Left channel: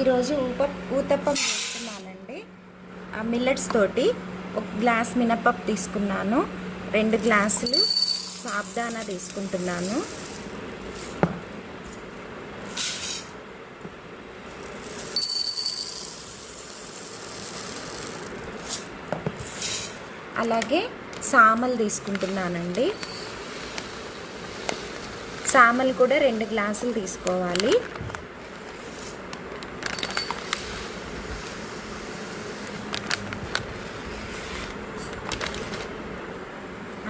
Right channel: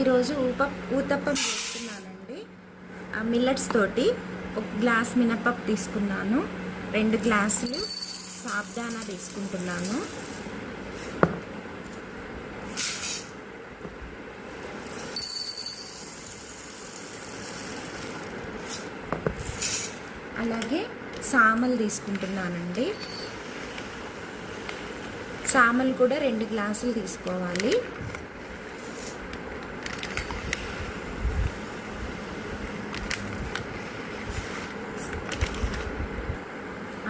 ఈరోజు ఊతప్పం చేస్తున్నానండి. మిల్లెట్స్ తోటి ఒక గ్లాస్ మినపప్పు తీసుకున్నాను, 2 గ్లాసులు సాబ్దానా తీసుకుంటున్నాను, అలాగే సామలు తీసుకుంటున్నానండి. సామలు కూడా 2 గ్లాసులు తీసుకోవాలి.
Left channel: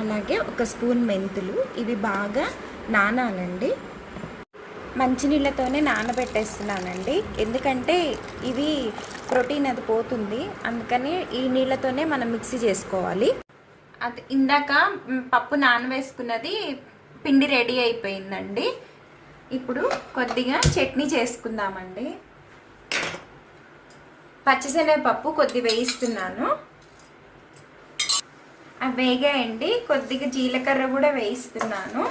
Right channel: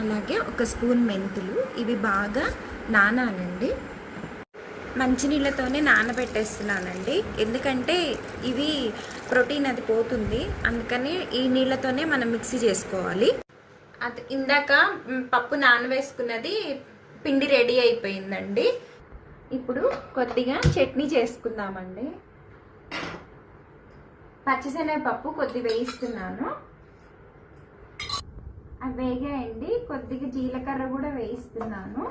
అలాగే 1 స్పూన్ మెంతులు. ఇవి బాగా నానాలండి. మంచినీళ్ళతోనే నానబెట్టేస్తున్నానండి, ఎందుకంటే ఇవి ప్రోటీన్ అది పోతుంది, అందుకని ఈ నీళ్ళతోనే మనం మిక్సీ చేసుకోవాలి. అది ఇందాక పప్పు నానవేసుకున్నది పిండి రెడీ అయిపోయిందండి. ఇప్పుడు కొద్దిగా చట్నీ చేసుకుందామండి. పచ్చిశనగపప్పు కొద్దిగా వేయిస్తున్నాను, అవి వేగాయండి. కొద్దిగా జీలకర్ర కూడా వేయిస్తున్నాను,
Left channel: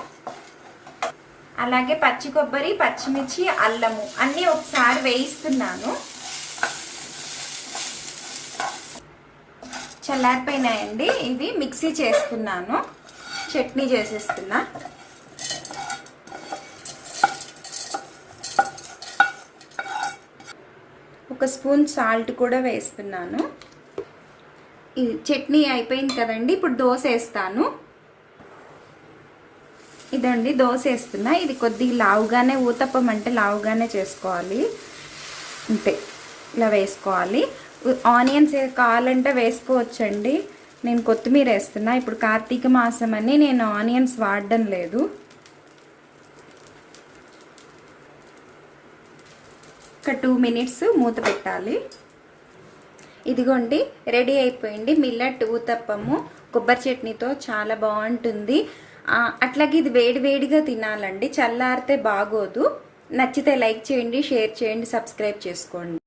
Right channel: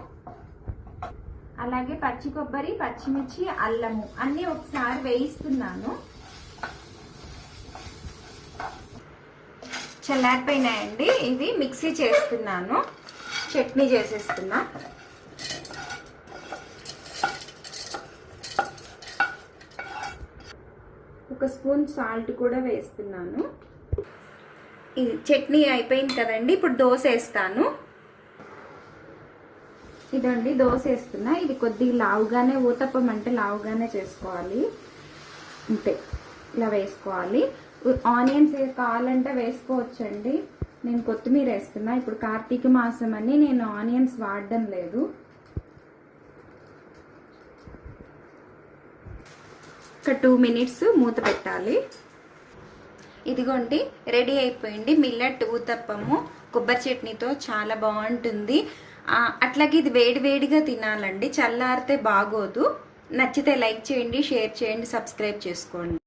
అలాగే పచ్చి కొబ్బరి, పచ్చిమిర్చి, అల్లము అన్నీ ఒకసారి వేయిస్తున్నాను. చల్లారిపోయినాయండి, ఇవి మిక్సీ చేస్తున్నాను, చట్నీ చేసేస్తున్నా. ఒక స్పూన్ సాల్ట్ కూడా వేస్తున్నాను. ఇది చట్నీ అయిపోయింది కదండి. ఇప్పుడు దోశ వేస్తాను. ఇదండి దోశ వేస్తున్నా. ఇది కొద్దిగా లావుగానే, ఊతప్పం అంటే లావుగానే చేసుకోవాలి, అంతే ఇలా వేసుకోవాలి. ఆనియన్స్ కావాలంటే వేసుకోవచ్చండి. నేను కొత్తిమీర వేస్తున్నా. ఇప్పుడు కార్తీక మాసం అని నేను ఆనియన్స్ వాడడం లేదు. ఒక 2 మినిట్స్ మూత పెట్టాలి. ఇదిగోండి రెడీ అయిపోయింది మిల్లెట్ ఊతప్పము కొబ్బరి చట్నీతో. చాలా బాగుంటుంది. అట్లాగే ఇది వేడివేడిగా తినాలండి, చల్లారితే బాగోదు. నచ్చితే లైక్ చేయండి, షేర్ చేయండి, సబ్స్క్రైబ్ చేసుకోండి.